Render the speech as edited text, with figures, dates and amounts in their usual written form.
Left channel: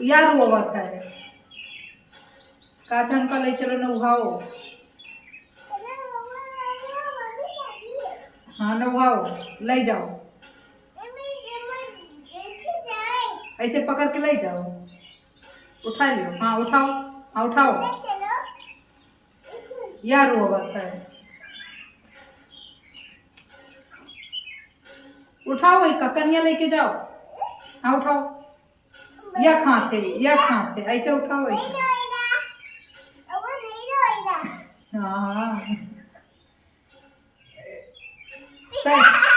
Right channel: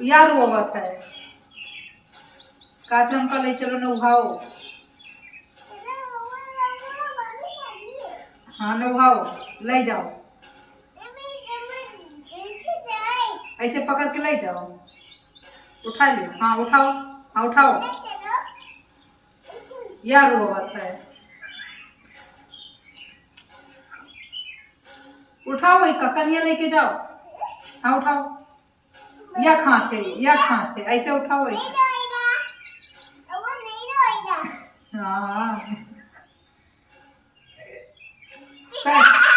यार वो बात है काथे हमका ले चलो न उठाओ। हाँ न उठाओ ले जाओ ऐसे पकड़ के ले जाओ उठा लियो। हाँ उठाओ। हाँ उठाओ यार वो बात है उठाओ वही ककनिया लेके जाओ। हाँ उठाओ या खाते ऐसे उठाओ ऐसे। हाँ हाँ सही